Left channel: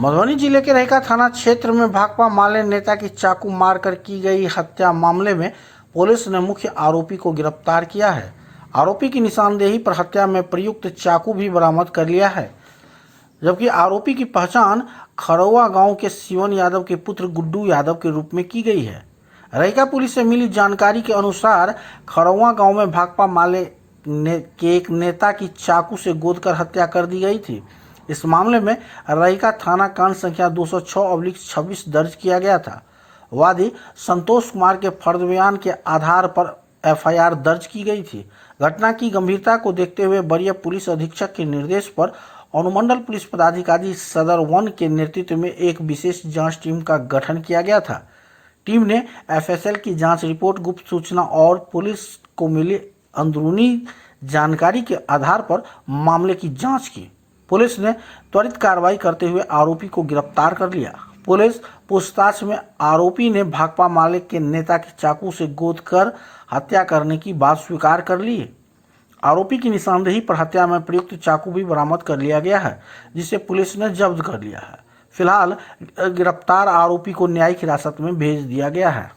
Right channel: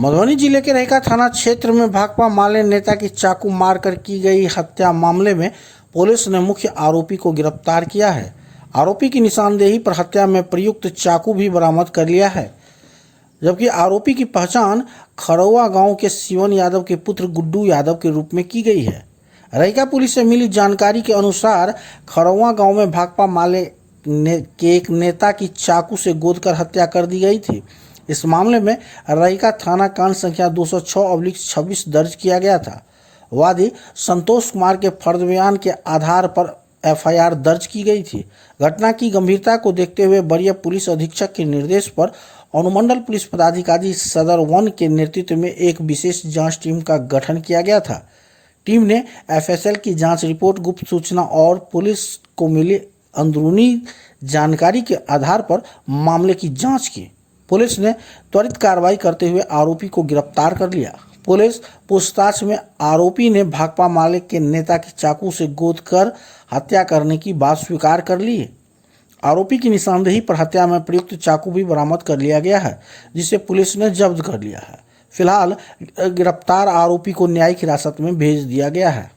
मधुबनी जिले के रहिका थाना क्षेत्र में भाकपा माले नेता की चाकू मारकर की गई हत्या मामले में पुलिस ने मुख्य आरोपी को गिरफ्तार किया है। आरोपी की निशानदेही पर हत्या में प्रयुक्त चाकू भी बरामद कर लिया है, जबकि आरोपी की पहचान खरौआ गांव के शिवन यादव के पुत्र गुड्डू यादव के रूप में की गई है। रहिका पुलिस से मिली जानकारी के अनुसार खरौआ गांव में भाकपा माले के एक नेता की चाकू से गोदकर हत्या कर दी गई थी। इस मामले में रहिका थाना कांड संख्या 206/26 दर्ज किया गया था। वादी संतोष कुमार के फर्द बयान के आधार पर एफआईआर दर्ज की गई थी। घटना की गंभीरता को देखते हुए वरीय पुलिस अधीक्षक के निर्देश पर अनुमंडल पुलिस पदाधिकारी सदर 1 के नेतृत्व में एक विशेष जांच टीम का गठन किया गया था। टीम ने एफएसएल की जांच रिपोर्ट, गुप्त सूचना और पुलिस को मिली अंदरूनी जानकारी के आधार पर मामले की जांच की। पुलिस ने त्वरित कार्रवाई करते हुए आरोपी को गिरफ्तार कर लिया। पुलिस पूछताछ में आरोपी ने भाकपा माले के नेता की चाकू से गोदकर हत्या करने की बात स्वीकार कर ली है। आरोपी की निशानदेही पर हत्या में प्रयुक्त चाकू भी बरामद कर लिया गया है, जिसे पुलिस ने जब्त कर लिया है। फिलहाल गिरफ्तार आरोपी को न्यायिक हिरासत में भेज दिया गया है।